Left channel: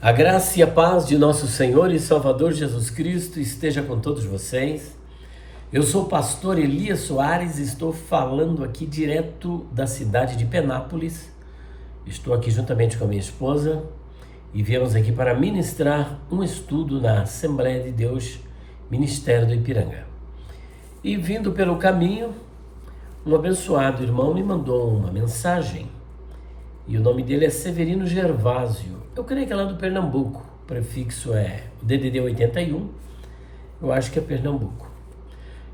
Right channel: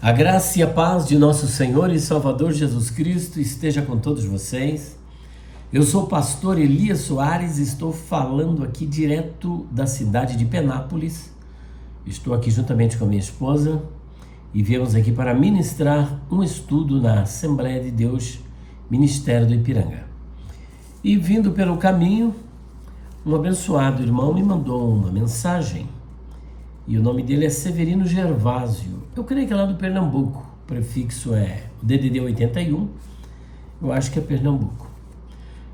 A graça e a paz de nosso Senhor e Salvador Jesus Cristo esteja com todos vocês. Eu sou o pastor Elias Soares e estou falando aqui direto da cidade de Penápolis. Estou aqui juntamente com a minha esposa e viemos aqui para ministrar um estudo na Assembleia de Deus, Ministério do Ipiranga. E vindo pelo caminho, um abençoado irmão me mandou uma mensagem e o nome dele é Severino Gervásio. Eu creio que é lá do Pernambuco, o prefixo é DDD 81, eu acho que é Pernambuco.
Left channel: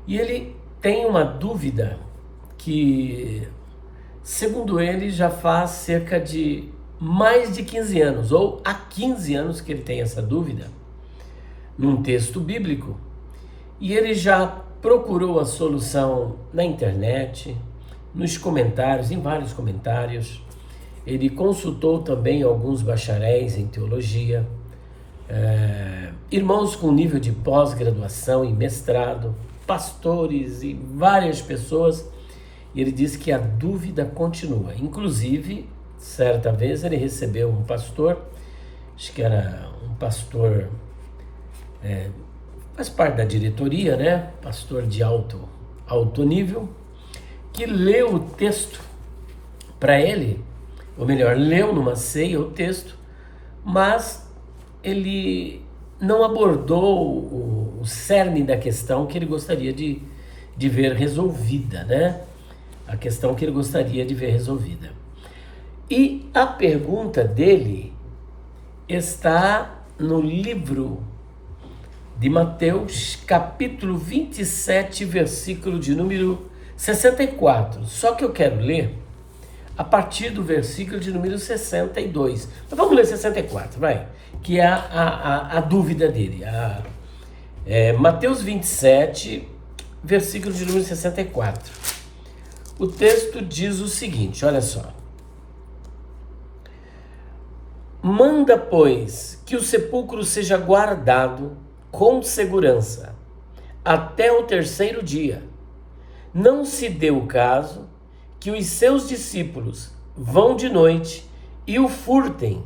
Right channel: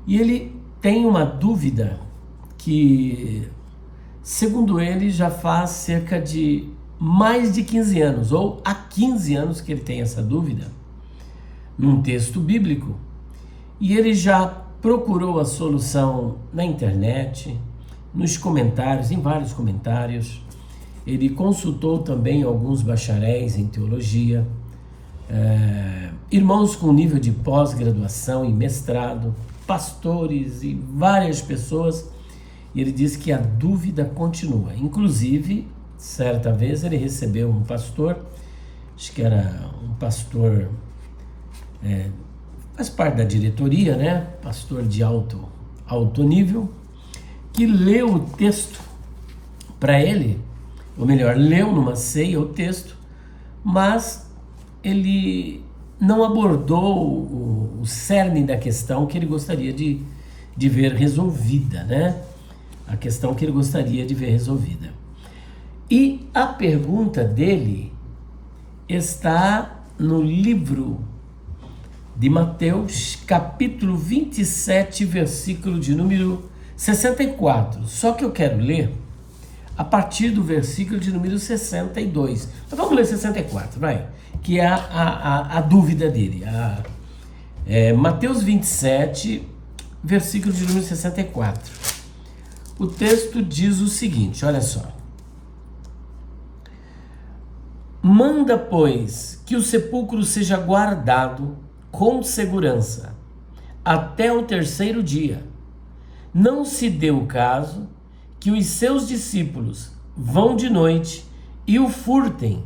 E ele tem uma dúvida que, segundo ele, já faz cerca de mais de 15 anos, ou há 15 anos que ele tem essa dúvida, num texto bíblico, e ele já procurou a solução na internet, nos comentários, em vários comentários. Ele consultou também alguns bacharéis em teologia, irmãos com nível de pós-graduação e mestrado, pastores e várias pessoas, e ele disse que a dúvida continua. Inclusive, certa vez ele recebeu um pastor, acho que era um pastor, faz parte da diretoria, né? Pastor de alto nível, que leu o texto para ele, ou melhor, leu numa ceia o texto, mas ele não abordou o cerne da questão que ele gostaria de ver resolvida, né? A questão que ele gostaria de ver resolvida. E a pergunta dele está no livro de Mateus, capítulo 27, versículo de número 64. Só que eu quero ler a partir do versículo de número 62. Então vamos ler 64, vai, que é a dúvida dele. Mateus 27, versículo de número 64. O texto diz o seguinte, olha só. Manda, pois, que o sepulcro seja guardado com segurança até o terceiro dia. Não se deu o caso que os seus discípulos vão de noite e o furtem,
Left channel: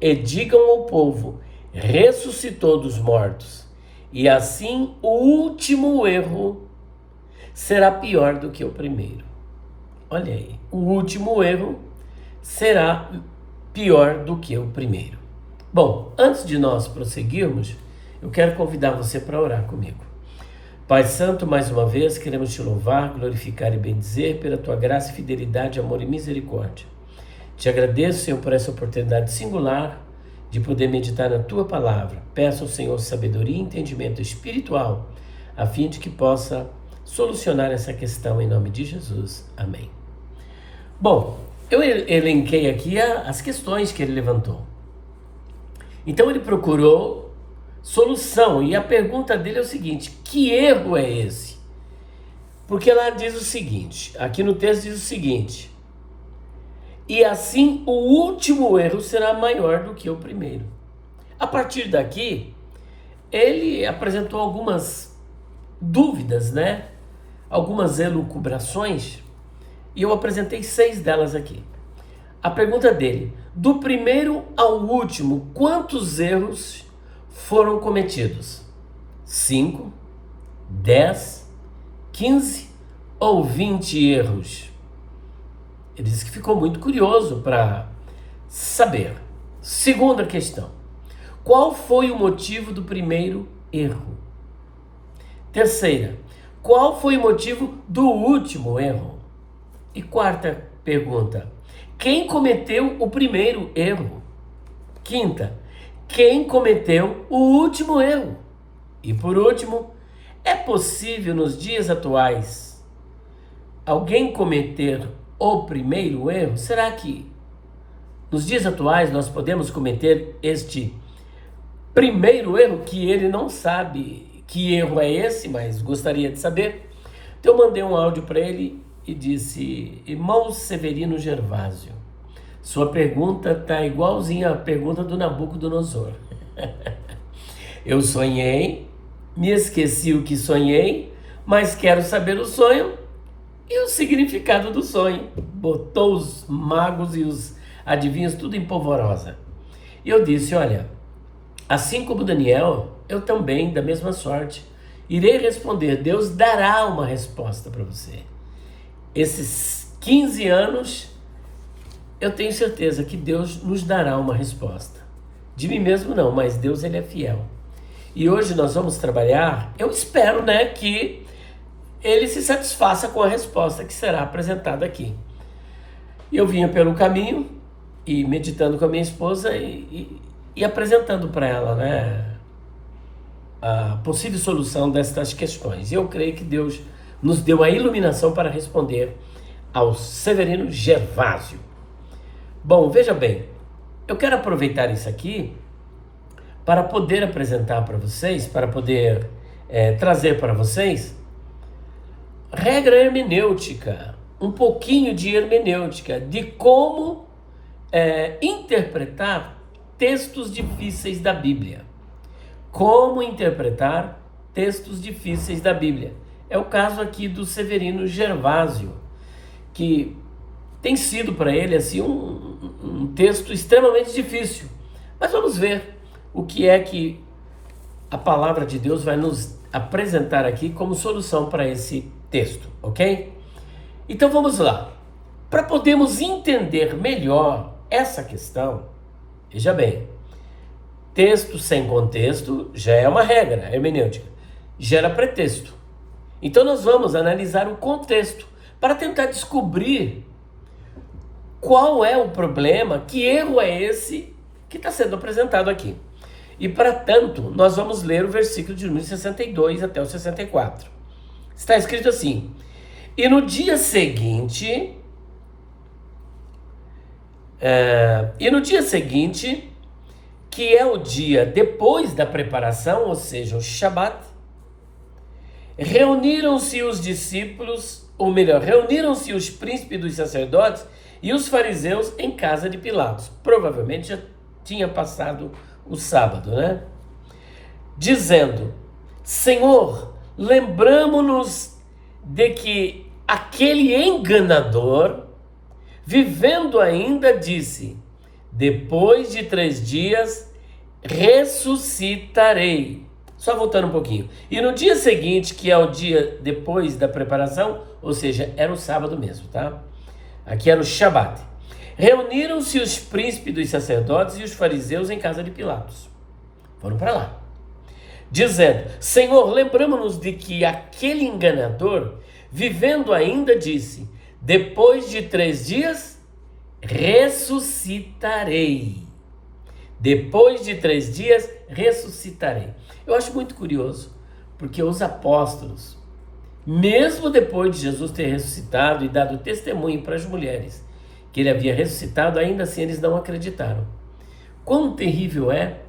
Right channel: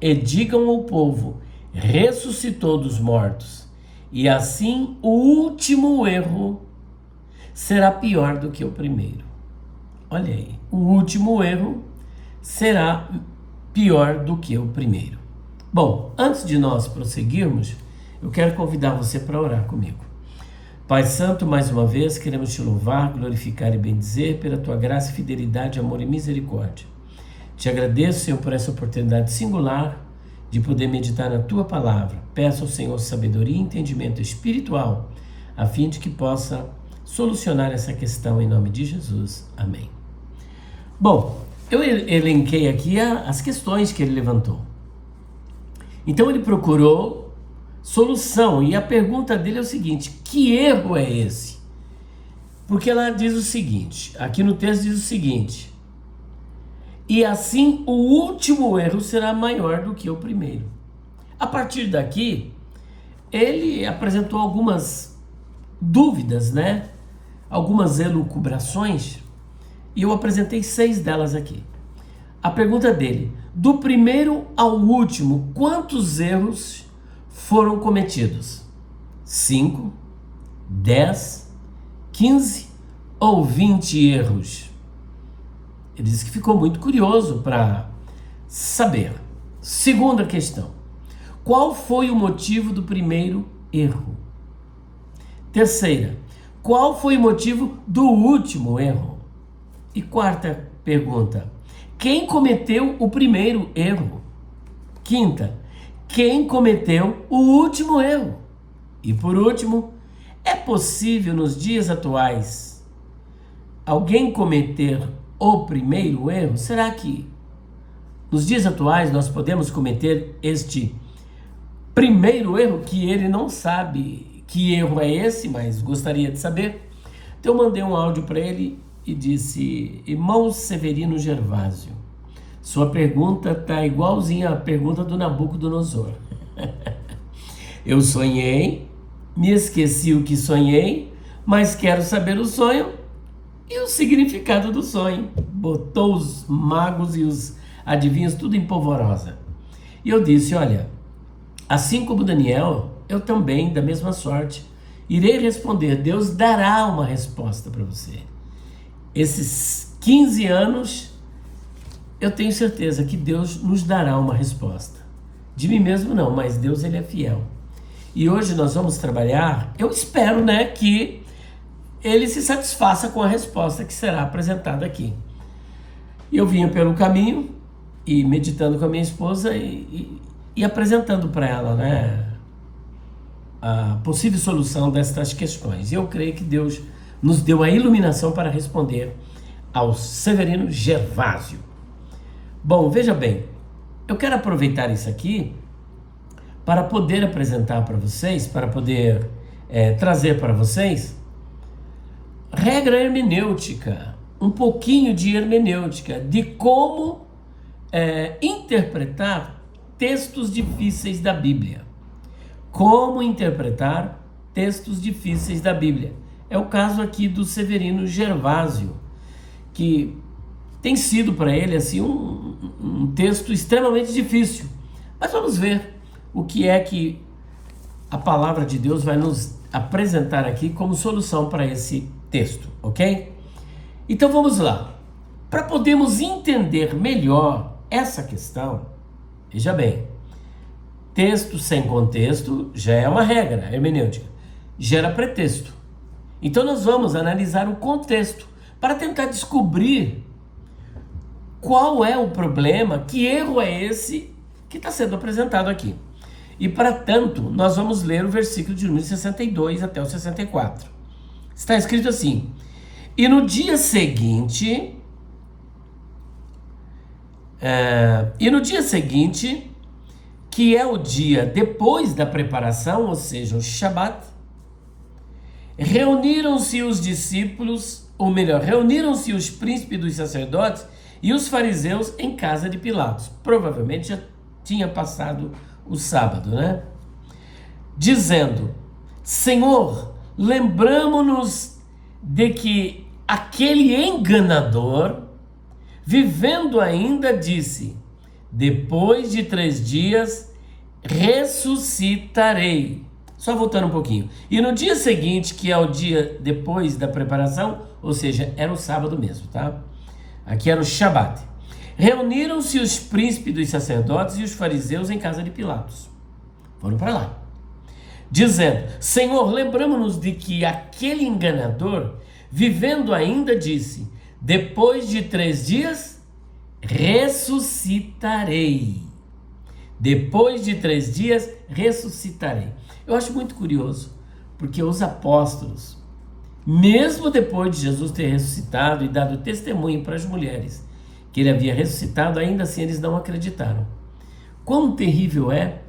e digam ao povo, ressuscitou dos mortos. E assim o último erro será pior do que o primeiro. Olha aí, o último erro será pior do que o primeiro. Bom, antes de nós prosseguirmos, eu quero convidar você para orar comigo. Pai Santo, mais uma vez, queremos te louvar, glorificar e bendizer pela tua graça, fidelidade, amor e misericórdia. Te agradeço, Senhor, por essa oportunidade singular de poder meditar na tua palavra. Peço ao Senhor sabedoria e entendimento espiritual, a fim de que possa solucionar essa questão em nome de Jesus. Amém. Bom, eu elenquei aqui as questões que ele levantou. Então ele procurou solução, e a pergunta dele é o seguinte: que erro é esse? Porque ela diz o seguinte, aqui no texto diz o seguinte: e assim o último erro será maior do que o primeiro. A partir daqui, ele apresentou algumas dúvidas, né? Algumas elucubrações, e eu apresentei 6 delas aqui. A pergunta dele: do primeiro ao último, quantos erros foram cometidos? 5, 10, 15 ou 20 erros? Ele disse que ficou muito curioso para saber. Segunda questão: qual foi o motivo do primeiro erro? Terceira: qual foi o motivo do último erro? E quarta pergunta: quem cometeu o primeiro erro? Quinta: quem cometeu o último erro? E por último, é possível nos dias atuais alguém cometer o primeiro erro? Será que nos dias atuais nós podemos cometer este primeiro erro, que ele não sabe que erro é esse, mas gostaria de saber? Então eu mandei um áudio para ele e disse: irmão Severino Gervásio, sua pergunta está igualzinha à pergunta do Nabucodonosor. Eu sonhei, me esqueci o que sonhei, mas quero saber o sonho e o significado do sonho. Botou os magos e os adivinhos tudo em polvorosa. E eu disse, olha, assim como Daniel, eu também, da mesma sorte, irei responder. Deus dará uma resposta para você. Esses 15 anos, eu tenho certeza que Deus nos dará uma resposta. De mim mesmo não, mas Deus, ele é fiel. E hoje nós vamos trabalhar, eu espero, né, que ele se satisfaça com a resposta que será apresentada aqui. Eu vinha pelo caminho e meditando com a minha esposa e apresentando para ela, né, a possível solução destas questões. E eu creio que Deus nos deu a iluminação para responder ao Severino Gervásio. Bom, veja bem, eu quero aproveitar isso aqui para poder apresentar para vocês, para poder trazer para vocês regra hermenêutica, um pouquinho de hermenêutica, de como interpretar textos difíceis da Bíblia. Como interpretar textos difíceis da Bíblia. É o caso aqui do Severino Gervásio, que tem sido para ele assim um texto extremamente difícil. Mas vamos ver o que é que a palavra de Deus vai nos apresentar aqui como solução para esse texto, ok? Então vamos lá. Para podermos entender melhor essa questão, veja bem, texto sem contexto já é uma regra hermenêutica, gera pretexto. Então nós vamos analisar o contexto para tentar descobrir qual é o problema, que erro é esse que está sendo apresentado aqui. E para tanto, nós vamos ler o versículo de número 62 até o 64. Está escrito assim: e no dia seguinte, que é o dia depois da preparação, ou seja, o Shabat, reuniram-se os discípulos, ou melhor, reuniram-se os príncipes dos sacerdotes e os fariseus em casa de Pilatos. Provavelmente já tinha passado o sábado, né? Dizendo: Senhor, lembramo-nos de que aquele enganador, vivendo ainda, disse: depois de 3 dias ressuscitarei. Só voltando um pouquinho. E no dia seguinte, que é o dia depois da preparação, ou seja, era o sábado mesmo, tá? Aqui era o Shabat. Reuniram-se os príncipes dos sacerdotes e os fariseus em casa de Pilatos. Foram para lá, dizendo: Senhor, lembramos-nos de que aquele enganador, vivendo ainda, disse: depois de 3 dias ressuscitarei. Depois de 3 dias ressuscitarei. Eu acho muito curioso, porque os apóstolos, mesmo depois de Jesus ter ressuscitado e dado testemunho para as mulheres que ele havia ressuscitado, ainda assim eles não acreditaram. Quão terrível é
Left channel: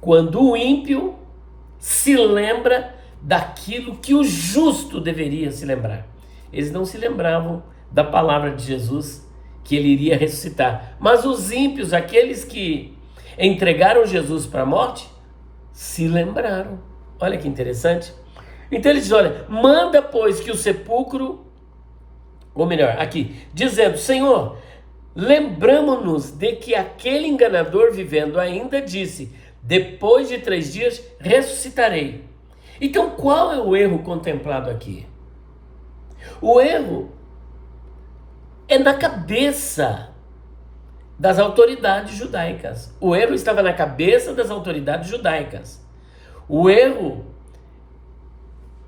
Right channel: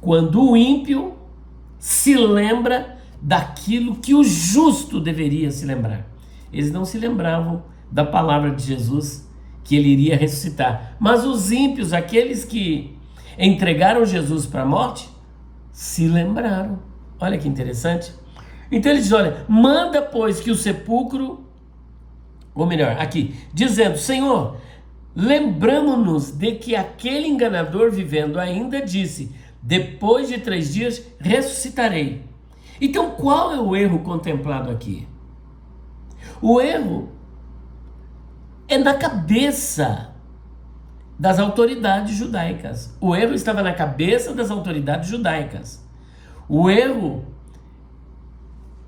quando o ímpio se lembra daquilo que o justo deveria se lembrar. Eles não se lembravam da palavra de Jesus, que ele iria ressuscitar. Mas os ímpios, aqueles que entregaram Jesus para a morte, se lembraram. Olha que interessante. Então ele diz: olha, manda pois que o sepulcro, ou melhor, aqui, dizendo: Senhor, lembramo-nos de que aquele enganador, vivendo ainda, disse: depois de 3 dias ressuscitarei. Então qual é o erro contemplado aqui? O erro é na cabeça das autoridades judaicas. O erro estava na cabeça das autoridades judaicas. O erro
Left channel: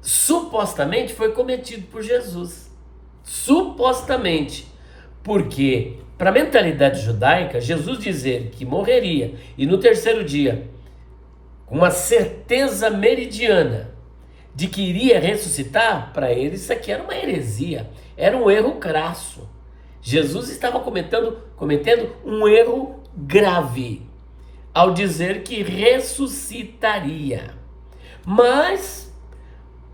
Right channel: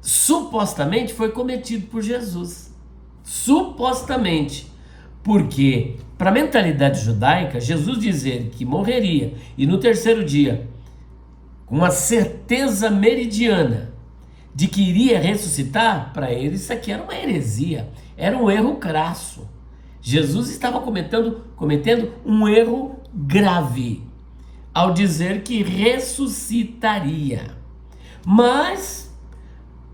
supostamente foi cometido por Jesus. Supostamente. Porque, para a mentalidade judaica, Jesus dizer que morreria e no 3º dia, com uma certeza meridiana de que iria ressuscitar, para eles isso aqui era uma heresia, era um erro crasso. Jesus estava cometendo um erro grave ao dizer que ressuscitaria. Mas,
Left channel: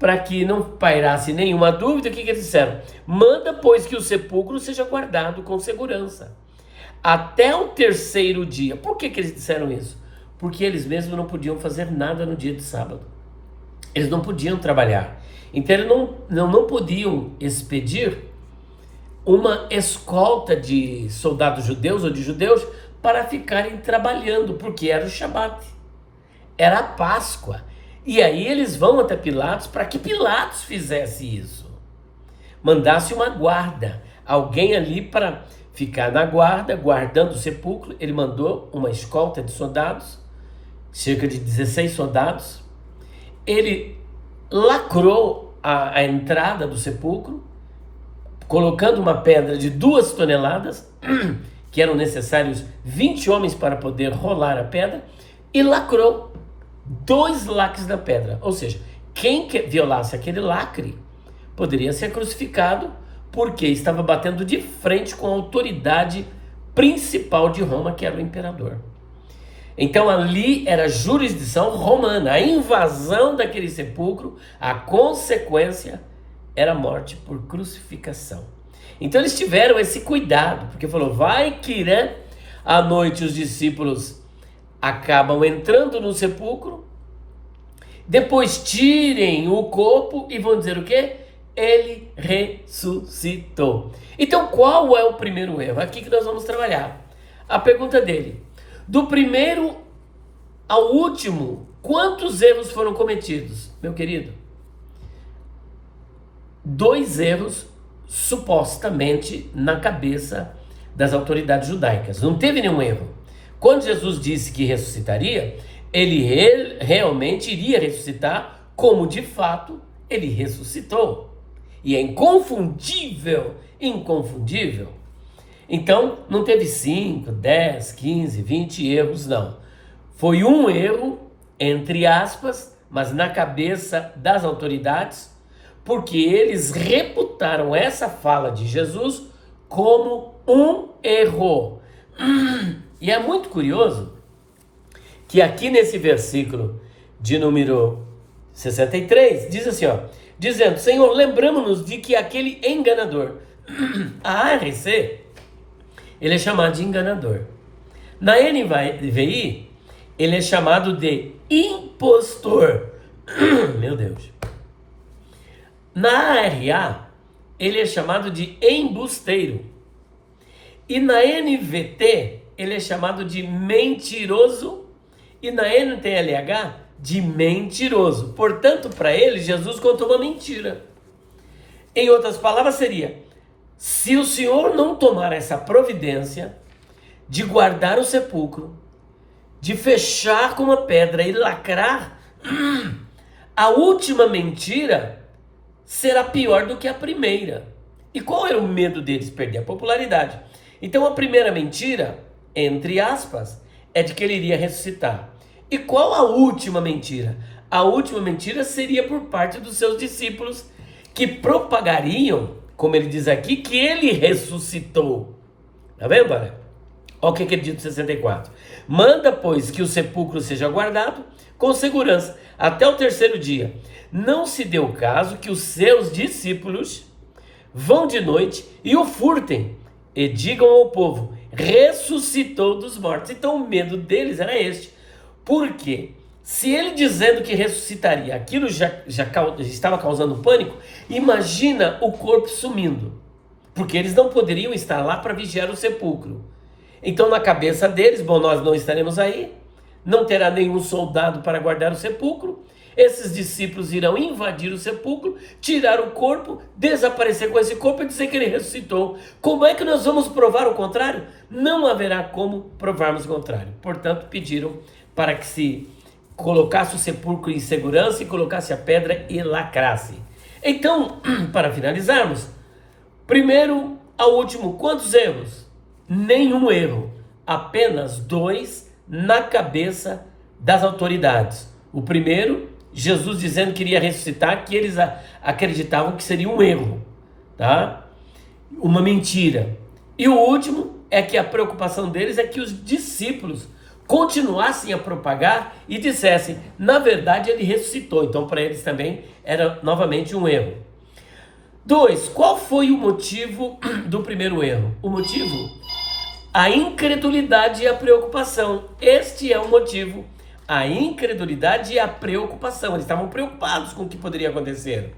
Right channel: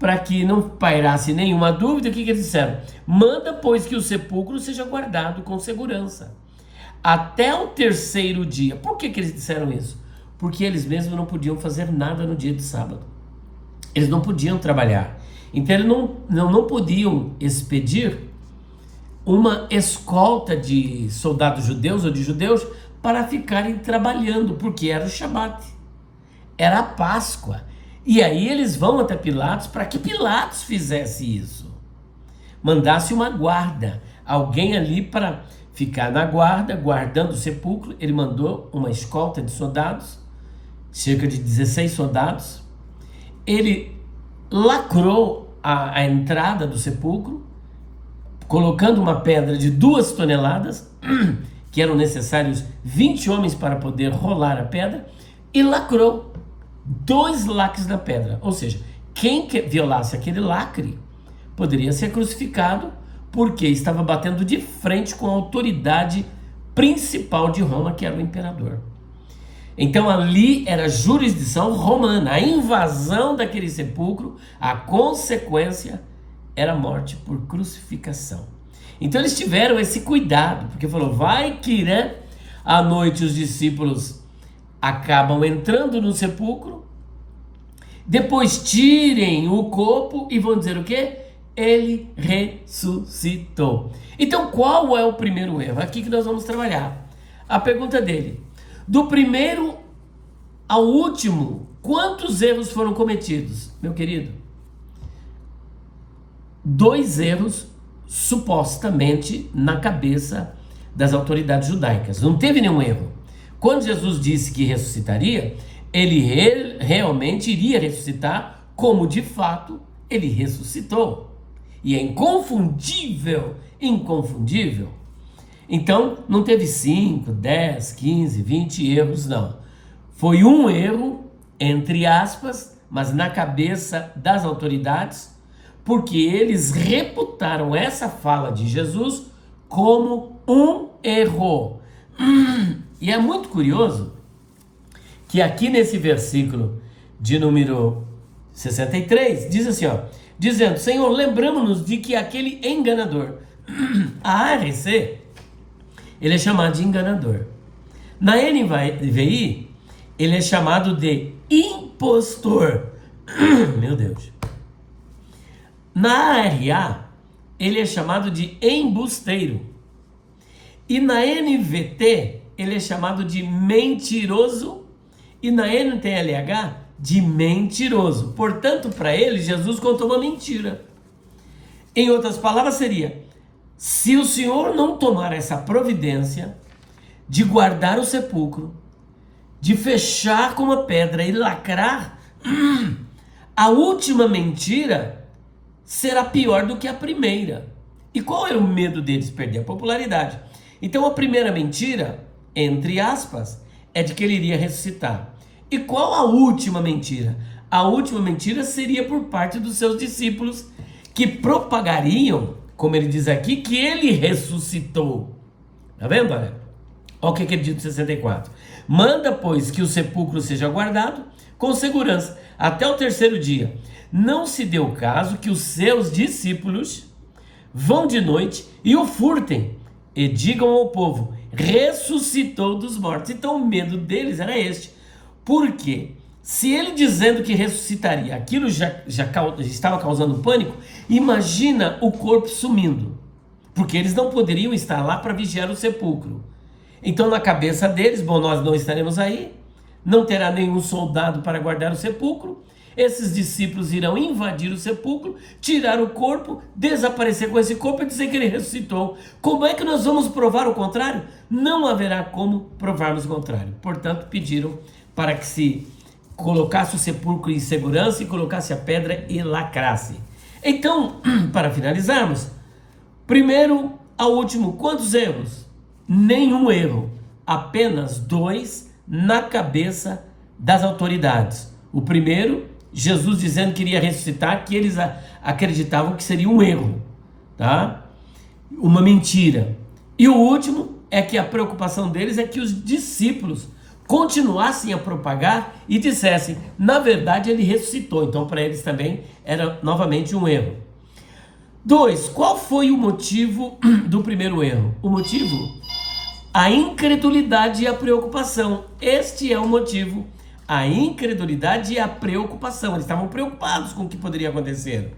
para que não pairasse nenhuma dúvida, o que eles disseram? Manda, pois, que o sepulcro seja guardado com segurança até o 3º dia. Por que eles disseram isso? Porque eles mesmos não podiam fazer nada no dia de sábado. Eles não podiam trabalhar. Então eles não podiam expedir uma escolta de soldados judeus ou de judeus para ficarem trabalhando, porque era o Shabat, era a Páscoa. E aí eles vão até Pilatos para que Pilatos fizesse isso, mandasse uma guarda, alguém ali para ficar na guarda, guardando o sepulcro. Ele mandou uma escolta de soldados, cerca de 16 soldados. Ele lacrou a entrada do sepulcro, colocando uma pedra de 2 toneladas, que eram necessários 20 homens para poder rolar a pedra, e lacrou 2 lacres na pedra. Ou seja, quem violasse aquele lacre poderia ser crucificado, porque estava batendo de frente com a autoridade principal de Roma, que era o imperador. Então ali era jurisdição romana. A invasão daquele sepulcro, a consequência era morte por crucificação. Então eles tiveram esse cuidado, porque falou, vai que, né, à noite os discípulos acabam entrando no sepulcro, depois tirem o corpo e vão dizer o quê? Ele ressuscitou. Então qual é o primeiro erro? Aqui que nós vamos trabalhar. A pergunta dele, do primeiro ao último, quantos erros foram cometidos? Meu querido, 2 erros supostamente na cabeça das autoridades judaicas. Não teve nenhum erro. Quando Jesus disse que ressuscitaria, ele realmente iria ressuscitar, como de fato ele ressuscitou. E é inconfundível, inconfundível. Então, não teve 5, 10, 15, 20 erros, não. Foi um erro, entre aspas, mas na cabeça das autoridades, porque eles reputaram essa fala de Jesus como um erro. E é muito curioso que aqui nesse versículo de número 63, diz assim, ó, dizendo, Senhor, lembramos-nos de que aquele enganador, a ARC, ele é chamado de enganador. Na NVI, ele é chamado de impostor. Meu Deus. Na ARA, ele é chamado de embusteiro. E na NVT, ele é chamado de mentiroso. E na NTLH, de mentiroso. Portanto, para ele, Jesus contou uma mentira. Em outras palavras, seria: se o Senhor não tomar essa providência de guardar o sepulcro, de fechar com uma pedra e lacrar, a última mentira será pior do que a primeira. E qual era o medo deles? Perder a popularidade. Então a primeira mentira, entre aspas, é de que ele iria ressuscitar. E qual a última mentira? A última mentira seria por parte dos seus discípulos, que propagariam, como ele diz aqui, que ele ressuscitou. Tá vendo, olha? Olha o que ele diz no 64. Manda, pois, que o sepulcro seja guardado com segurança até o 3º dia. Não se dê o caso que os seus discípulos vão de noite e o furtem e digam ao povo: ressuscitou dos mortos. Então o medo deles era este. Porque se ele dizendo que ressuscitaria, aquilo já estava causando pânico, imagina o corpo sumindo. Porque eles não poderiam estar lá para vigiar o sepulcro. Então na cabeça deles, bom, nós não estaremos aí, não terá nenhum soldado para guardar o sepulcro, esses discípulos irão invadir o sepulcro, tirar o corpo, desaparecer com esse corpo e dizer que ele ressuscitou. Como é que nós vamos provar o contrário? Não haverá como provarmos o contrário. Portanto, pediram para que se colocasse o sepulcro em segurança e colocasse a pedra e lacrasse. Então, para finalizarmos, primeiro ao último, quantos erros? Nenhum erro, apenas 2 na cabeça das autoridades. O primeiro, Jesus dizendo que iria ressuscitar, que eles acreditavam que seria um erro, tá? Uma mentira. E o último é que a preocupação deles é que os discípulos continuassem a propagar e dissessem: na verdade ele ressuscitou. Então para eles também era novamente um erro. 2. Qual foi o motivo do primeiro erro? O motivo? A incredulidade e a preocupação. Este é o motivo. A incredulidade e a preocupação. Eles estavam preocupados com o que poderia acontecer.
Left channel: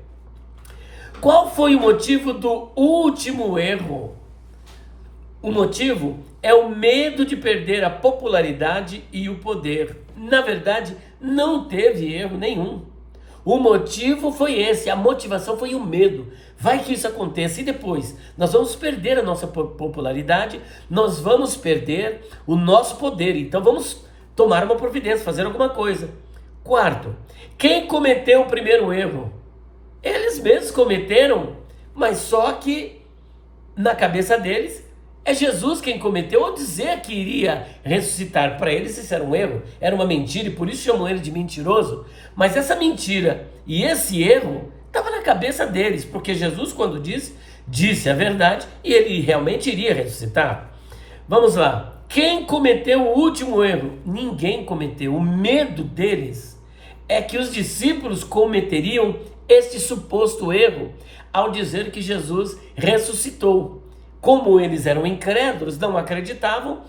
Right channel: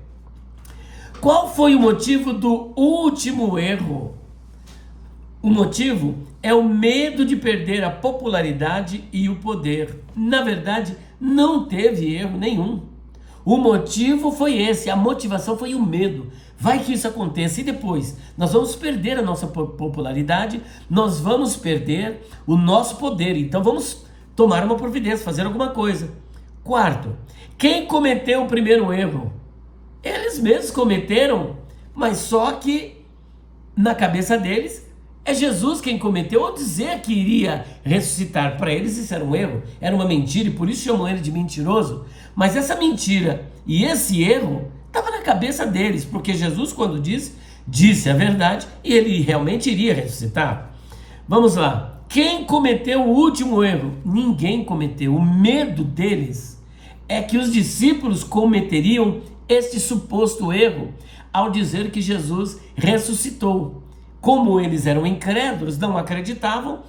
Qual foi o motivo do último erro? O motivo é o medo de perder a popularidade e o poder. Na verdade, não teve erro nenhum. O motivo foi esse, a motivação foi o medo. Vai que isso aconteça e depois nós vamos perder a nossa popularidade, nós vamos perder o nosso poder. Então vamos tomar uma providência, fazer alguma coisa. Quarto, quem cometeu o primeiro erro? Eles mesmos cometeram, mas só que na cabeça deles é Jesus quem cometeu, ou dizer que iria ressuscitar. Para eles isso era um erro, era uma mentira, e por isso chamam ele de mentiroso. Mas essa mentira e esse erro estava na cabeça deles, porque Jesus, quando disse a verdade, e ele realmente iria ressuscitar. Vamos lá. Quem cometeu o último erro? Ninguém cometeu. O medo deles é que os discípulos cometeriam este suposto erro ao dizer que Jesus ressuscitou. Como eles eram incrédulos, não acreditavam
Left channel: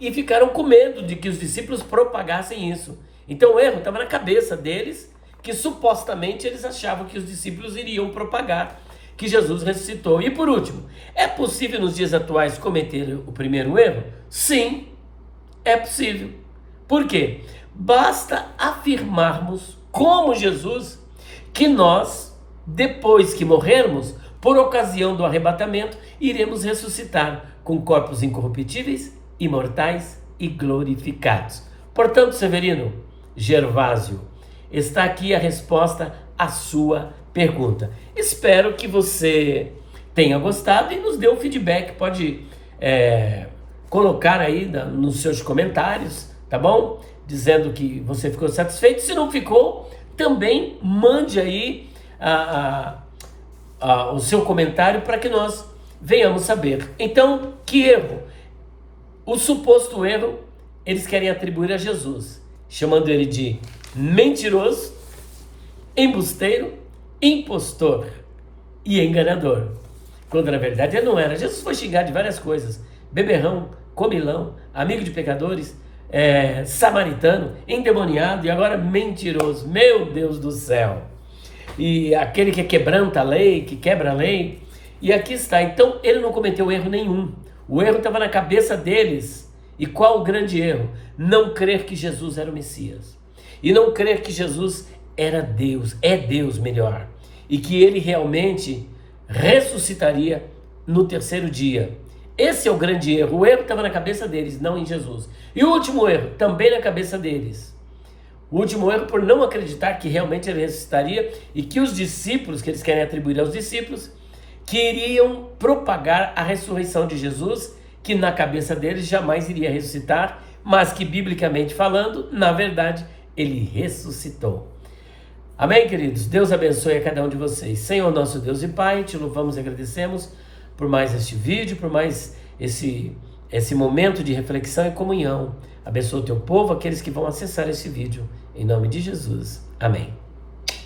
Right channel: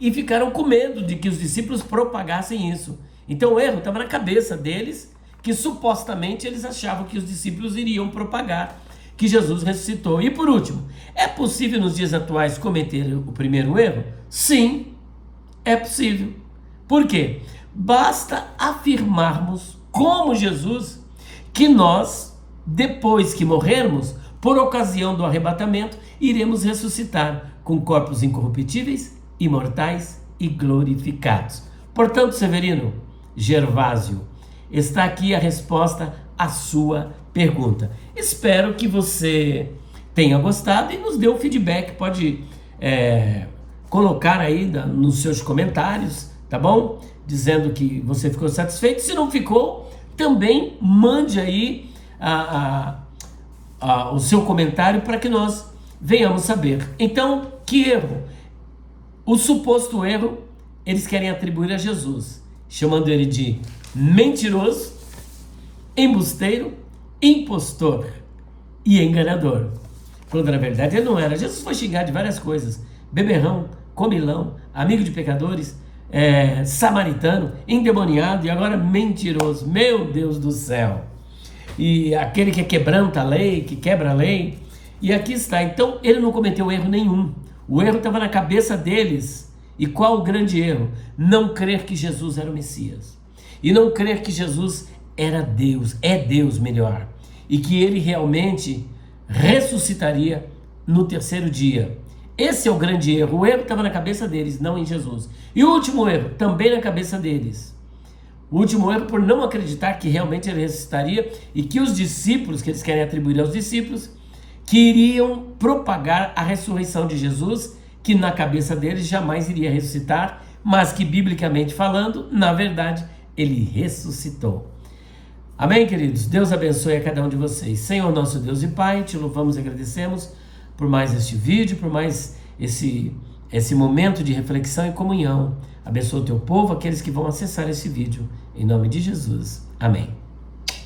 e ficaram com medo de que os discípulos propagassem isso. Então o erro estava na cabeça deles, que supostamente eles achavam que os discípulos iriam propagar que Jesus ressuscitou. E por último, é possível nos dias atuais cometer o primeiro erro? Sim, é possível. Por quê? Basta afirmarmos, como Jesus, que nós, depois que morrermos, por ocasião do arrebatamento, iremos ressuscitar com corpos incorruptíveis, imortais e glorificados. Portanto, Severino, Gervásio, está aqui a resposta à sua pergunta. Espero que você tenha gostado e nos dê um feedback. Pode colocar aí nos seus comentários, tá bom? Dizendo que você ficou satisfeito. Se não ficou, também mande aí o seu comentário para que nós venhamos saber. Então, que erro? O suposto erro eles querem atribuir a Jesus, chamando ele de mentiroso, embusteiro, impostor e enganador. Quando na verdade ele não era. Jesus foi xingado de várias coisas: beberrão, comilão, amigo de pecadores, samaritano, endemoniado e agora mentiroso. Meu Deus do céu! E aquele que quebranta a lei, que quebra a lei. E aqui está. Então ele não cometeu erro nenhum. O erro estava na cabeça deles. E qual o grande erro? Não crer que Jesus era o Messias. E não crer que Jesus era Deus, é Deus melhor. E que ele realmente ressuscitaria no terceiro dia. Esse é o grande erro. O erro estava na cabeça deles, não em Jesus. E o último erro, também na cabeça deles. O último erro por não acreditar que realmente ele ressuscitaria e que os discípulos, que eles querem atribuir aos discípulos, queriam propagar a ressurreição de Jesus, que na cabeça deles jamais iria ressuscitar, mas que biblicamente falando, na verdade, ele ressuscitou. Amém, queridos? Deus abençoe a cada um de vocês. Senhor nosso Deus e Pai, te louvamos e agradecemos por mais este vídeo, por mais esse momento de reflexão e comunhão. Abençoa o teu povo, aqueles que vão acessar esse vídeo. Em nome de Jesus. Amém.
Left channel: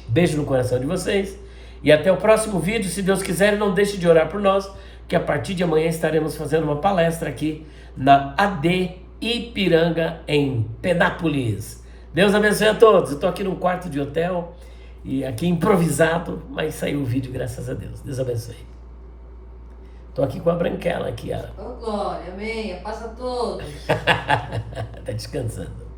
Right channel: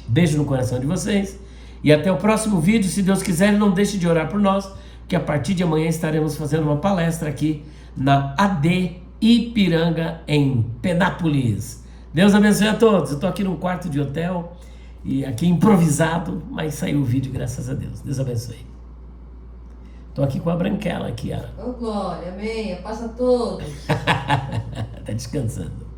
Beijo no coração de vocês. E até o próximo vídeo, se Deus quiser. Não deixe de orar por nós, que a partir de amanhã estaremos fazendo uma palestra aqui na AD Ipiranga, em Penápolis. Deus abençoe a todos. Eu estou aqui num quarto de hotel, e aqui improvisado, mas saiu o vídeo, graças a Deus. Deus abençoe. Estou aqui com a Branquela aqui, ó. Glória, amém. Passa a todos. Tá descansando.